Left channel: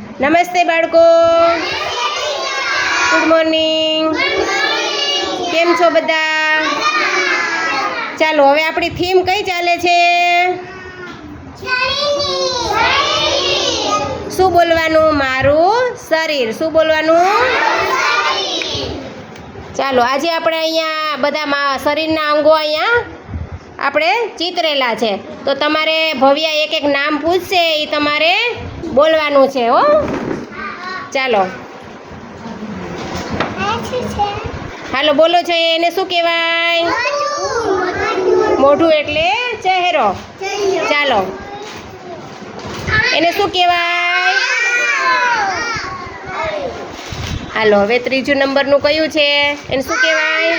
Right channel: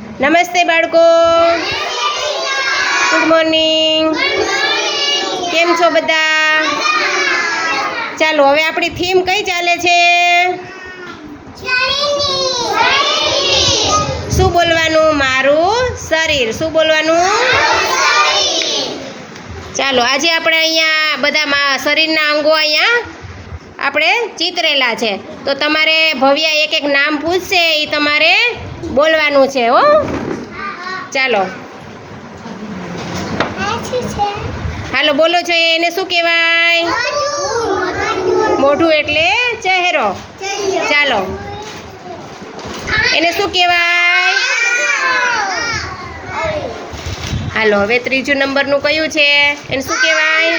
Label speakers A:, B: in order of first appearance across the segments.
A: નમસ્તે બાળકો. Good morning કેમ છો બધા? ચાલો, હવે આપણી થીમ કઈ ચાલે છે? શું બોલવાનું? મારું શરીર. શું બોલવાનું? ચાલો, આજે આપણે અહીંયા બધા શરીરના અંગો અહીંયા આપણે ચિતરેલા છે. તો તમારે ભવ્યા એક એક નામ પૂછશે એ તમારે બોલવાનું છે, હો. ચાલો. હાલો, બોલો છો એને શું કહેવાય? મોઢું એટલે ચહેરો. ચાલો. એને શું કહેવાય? હાલો, હવે ત્રીજું નંબરનું કયું છે? એને શું કહેવાય?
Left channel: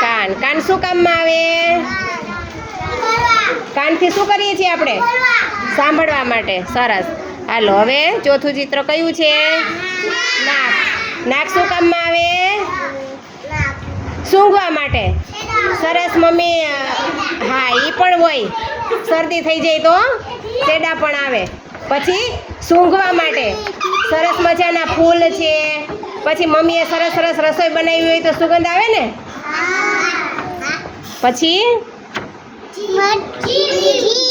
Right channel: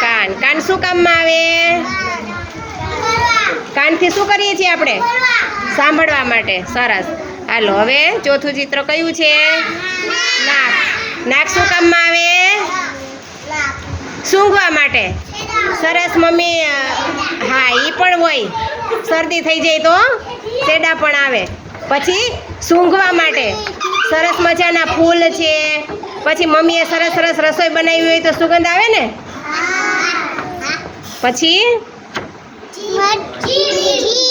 A: કાન. કાન શું કામમાં આવે? કાનથી શું કરીએ છીએ આપણે? સાંભળવા માટે. સરસ. હાલો હવે ચોથું ચિત્ર કયું છે? નાક. નાક શું કામમાં આવે? સૂંઘવા માટે. સરસ મમ્મી હા એ પણ હોય. શરદી થઈ જાય તો તેડા પણ આવે. પછી સૂંઘવા માટે. સરસ મજાના ફૂલ છે. પછી મમ્મીએ સરસ સરસ રસોઈ બનાવી હોય તો સુગંધ આવે ને? પછી?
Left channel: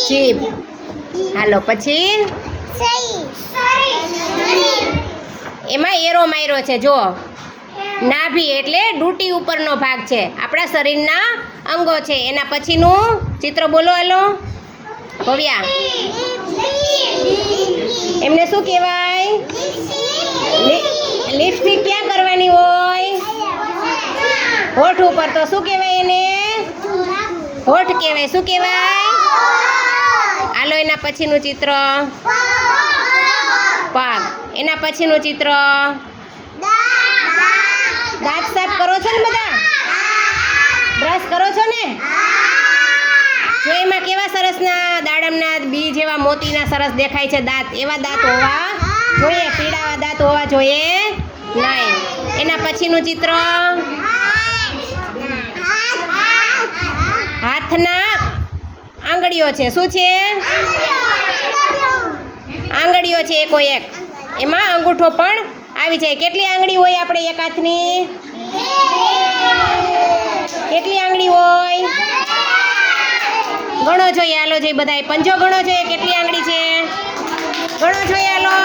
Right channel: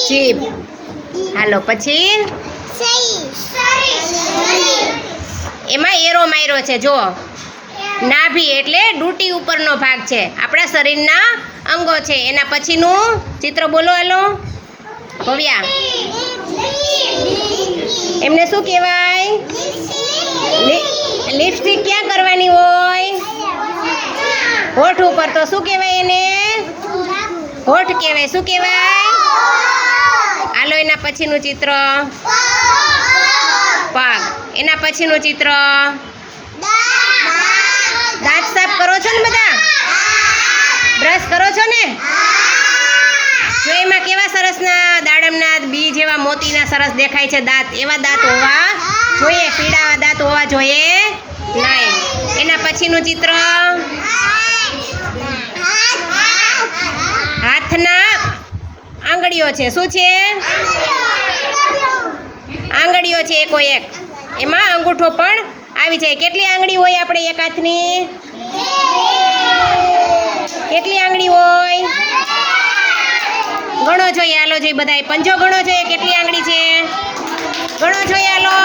A: જીભ હાલો પછી? એમાં એરો માર્યો છે જો નાભી એટલે ડૂટી ઉપરનો ભાગ છે. આપણા શરીરના અંગો છે. એના પછીનું ચિત્ર બોલો, હેલો. ભવ્યા. એમને શું કહેવાય? લિપસ્ટિક ક્યાં કરવાની હોય? હોઠ ઉપર. તો શું કહેવાય એને? હોઠ કહેવાય. શું કહેવાય? આલો એના પછીનું ચિત્ર. પગ એના પછીનું ચિત્ર? દાંત સાફ કરો છો ને બધા? બ્રશ કરો છો ને? જો એમાં કેવા સરસના દાડમના બી જેવા મોતીના સરસ દેખાય છે દાંત. એવા દાંત હોવા જોઈએ, પીળાવા દાંત હોવા જોઈએ નહીં. એના પછીનું ચિત્ર? હાથના આંગળીઓ છે. શું છે? આંગળીઓ છે એકો એક. એમાં અંગૂઠો પણ આવી જાય. કેટલી આંગળી હોય આપણે એક હાથની? કેટલી આંગળી હોય? ગણો જોઈએ હાલો જોઈએ બધાય. પંજો ગણો જોઈએ. કેટલી આંગળી છે? ગણો જોઈએ હાલો.